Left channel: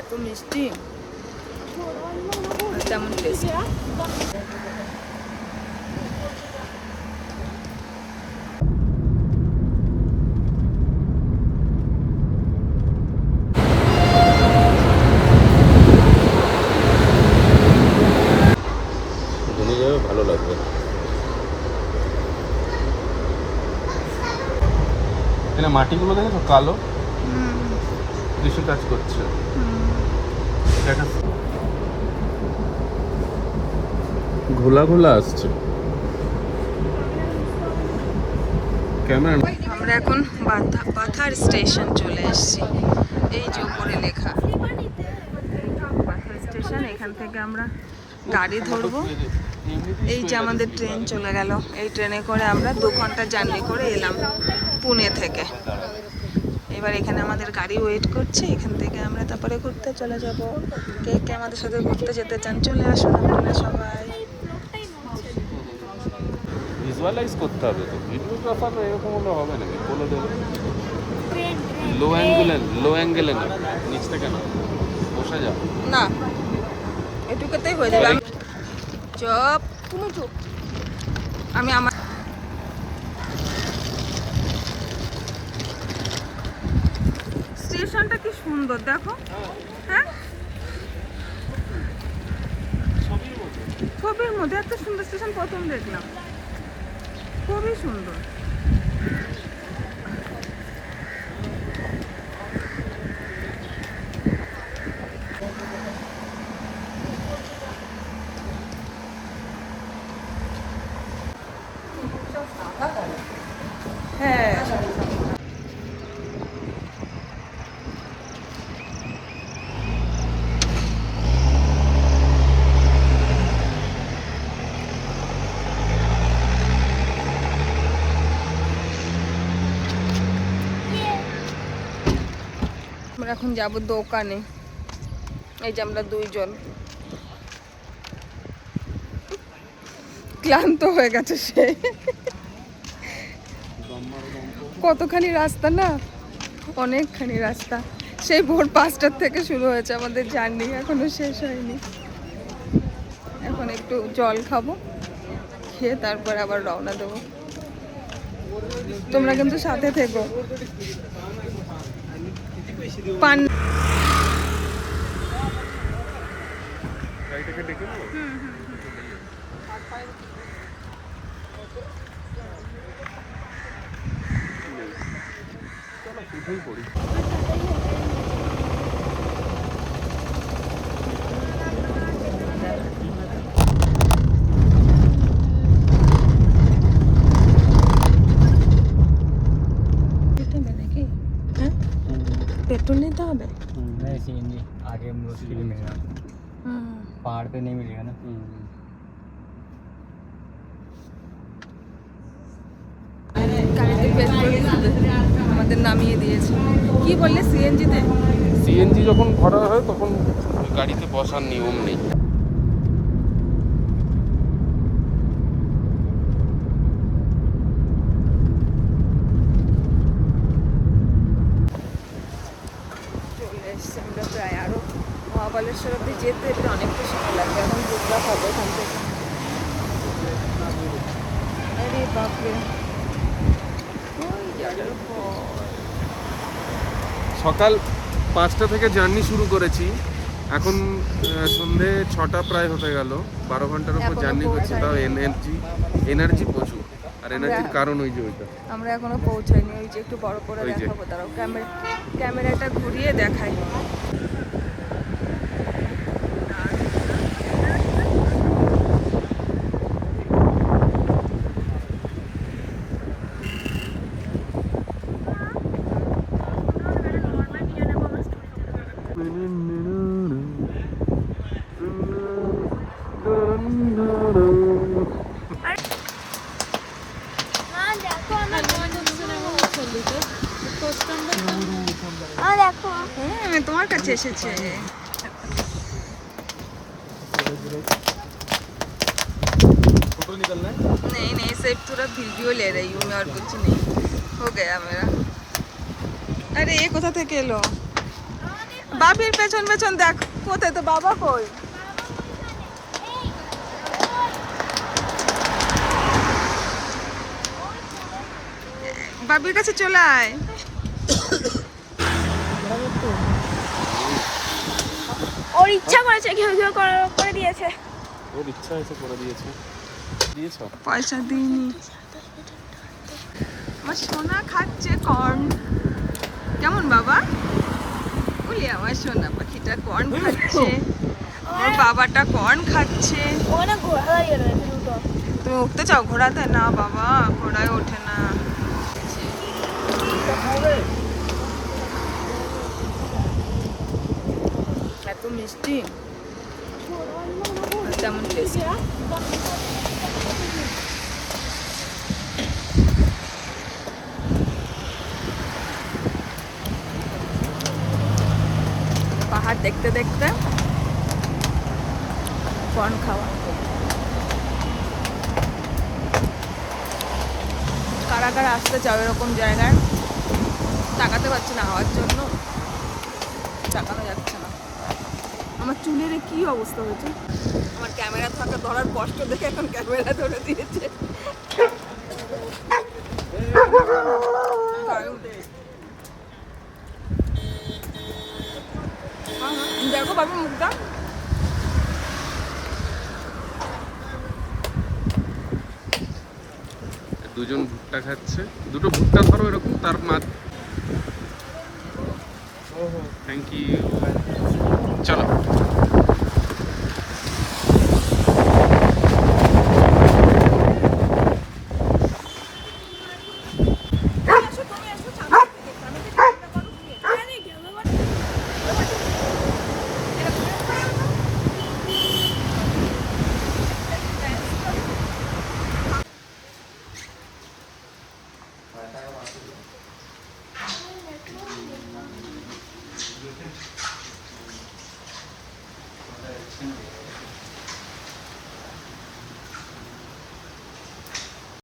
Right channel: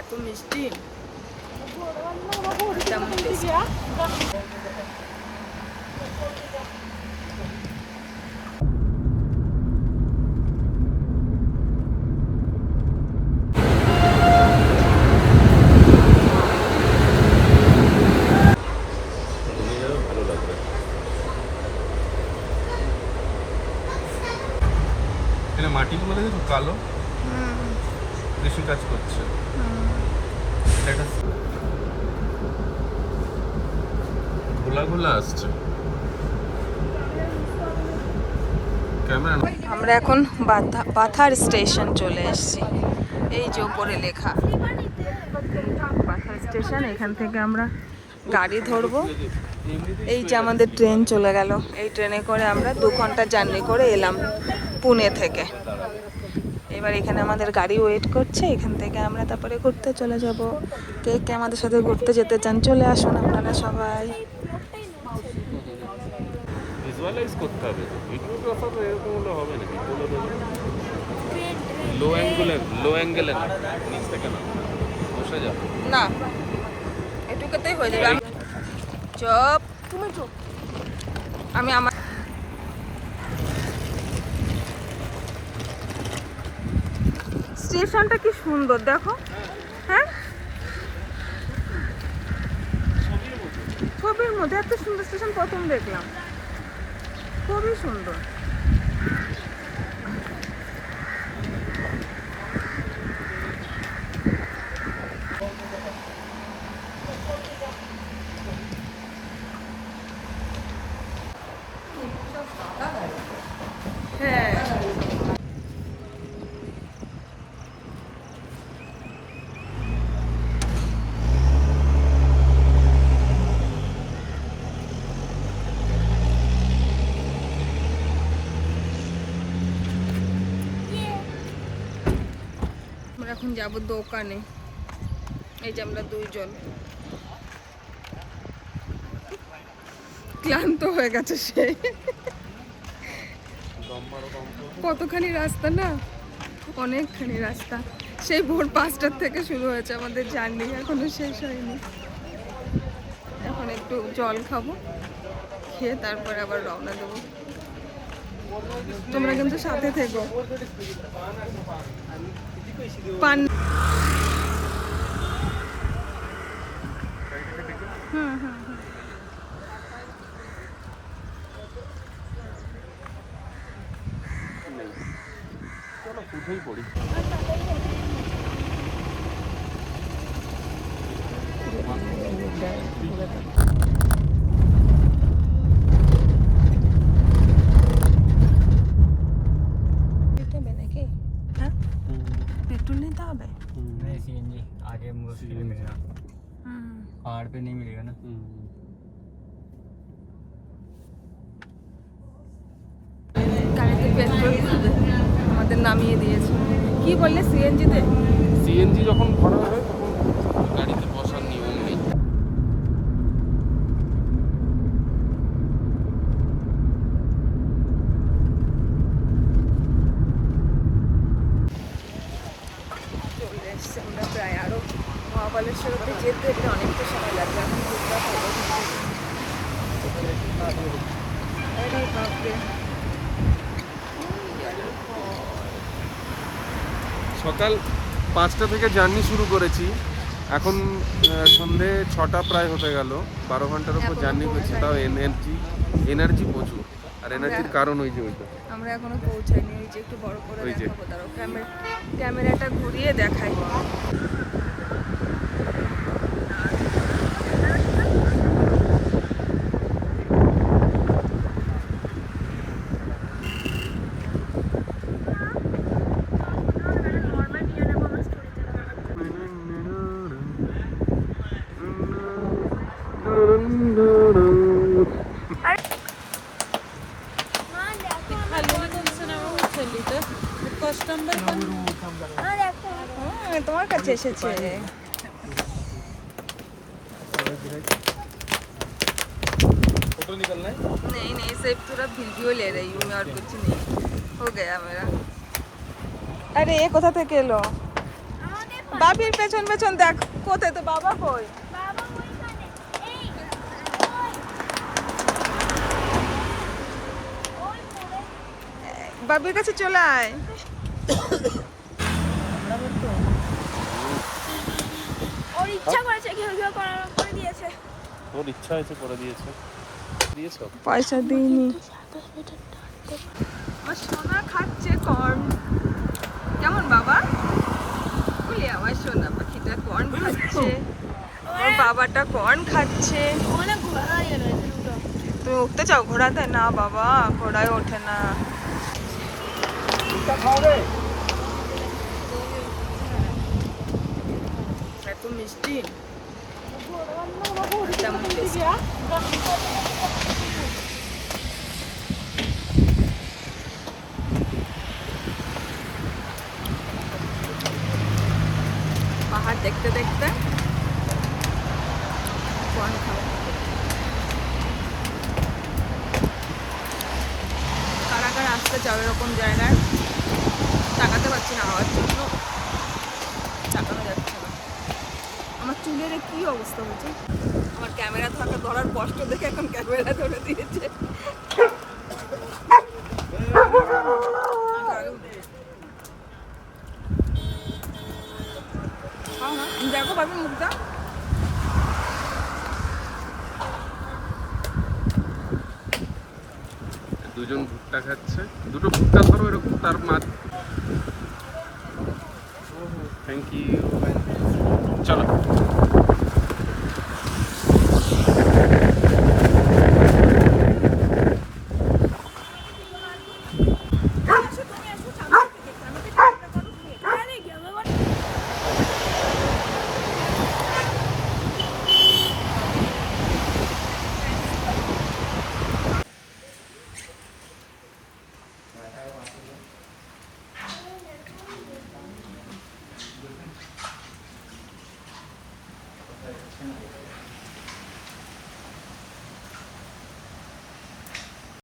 এত মিষ্টি, তেমন টেস্ট। ভালো লাগবে। এখানে মাটিগুলো দেখো কালো, কিছু কাজ করছে। ঘোলা ঘোলা আসছে ক্যামেরা। আমরা এখন বাথার স্টেশন চলে এসেছি। এই যে উপরে লেখা বাথার স্টেশন। এখান থেকে আমরা গাড়ি ধরবো। এই যে আমাদের ট্রেন চলে গেল। এই ট্রেনে করে আমরা 2 ঘন্টা জার্নি করে এলাম পুনে থেকে। এবার এখানে আমাদের গাড়ি ওয়েট করছে। এখান থেকে আমরা তারপরে ঘুরতে চলে যাব। কে আমাদের সাথে ঘুরতে যেতে চান চলে আসুন আপনারা সবাই। ভিজুয়ালাইজ করতে হবে, ভিডিও ব্যাপারটা এরকম হলে হবে না। তুলে দেবো লো অ্যাঙ্গেলে না, নিচ থেকে বসে যাও না, এটুকুতেই হয়ে যাবে। চুপ, তুমি চুপ। আমি আমার স্টেশনটা কি সুন্দর দেখো। হ্যাঁ, ছবির মধ্যে এত সুন্দর স্টেশন প্রথম দেখলাম, খুবই সুন্দর। হ্যাঁ, আমরা এখন যাবো দোকানে। এই যে আমরা 2 জন ক্লান্ত হয়ে গেছে সে। কতখানি রাস্তা না, অনেকখানি রাস্তা। সেই ভোর 5টার থেকে শুরু হয়েছে আমাদের জার্নি, এখনো শেষ হয়নি। এখন একটু জল খাবো, খেয়ে তারপর আবার রওনা দেবো। তোমরা কিন্তু সাথে থেকো। পান पेट्रोल लेता है नहीं सीएनजी आगे मुश्किल मिलेगा, पहाड़ पे नहीं मिलेगा ना। গাড়িতে পেট্রোল খাবে, আমাদের নামিয়ে দিয়েছে। কি বললে সিএনজিতে? সিএনজি যখন ভরা হয় তখন গাড়িতে বসার নিয়ম নেই। চলে এসছি আমরা প্রায়। আরও মহাবালেশ্বর অব্দি যেতে এটা অনেকটা সময় লাগবে। এখন বুঝবার হবে এখান থেকে। আরে বাপরে, সকাল 5টা থেকে জার্নি শুরু করেছি, এখন সন্ধে 6টা প্রায় হতে গেল। 12 ঘন্টার উপর জার্নি করছি, তাও এনার্জি প্রচুর। আর এনার্জির কারণ ওই যে ওইটা। আমরা এখনো পৌঁছাইনি। ওই যে একটু বড় করে দেখাবো, দাঁড়াও ক্যামেরাটা ঘুরিয়ে দেখাই। তোমার কাছে এসেছে। फोटो निकलना है? नहीं नहीं, सिर्फ थोड़ा वीडियो ले रही हूँ मैं, और कुछ नहीं। हो गया मेरा। अरे ये कोथा থেকে এলো? বাপির পেছন পেছন দেখ, কোথায় তো বাবা কই? বাবির কাছে চলে আয়। ওর ইচ্ছা করেছে, ঘেউ ঘেউ করে দিয়েছে। ওর ইচ্ছা হয়েছে করে দিয়েছে। দিয়েছো? পয়সা দিইনি। আমার সোনা খাচ্ছে কর্ন। কেমন বাবা? বলি আমার সোনা পাখিটা কর্ন খাচ্ছে, আমার বাবাটা কর্ন খাচ্ছে। অনেক ঘোরা গেল দুটো। তুমি উঠতে চাও ঘোড়াতে? না বাবা, ঘোড়ায় ওঠে না। এত মিষ্টি, তেমন টেস্ট। পাহাড় দেখতে দেখতে কর্ন খাওয়া। কারা কারা আসতে চাও এরকম জায়গায়? তাকাতে পারছি না হওয়ার জন্য, তাকানো যাচ্ছে না। আমার চুলের কি অবস্থা হয়েছে, আমার ক্যামেরা ধরার কষ্ট দেখে এখন ক্যামেরা ধরে দিয়েছে। দেখো পাবি মুখটা। দুজন ভুট্টা খাচ্ছে, দুটো ভুট্টা ধরো এরকম তার মাছ। Thank you.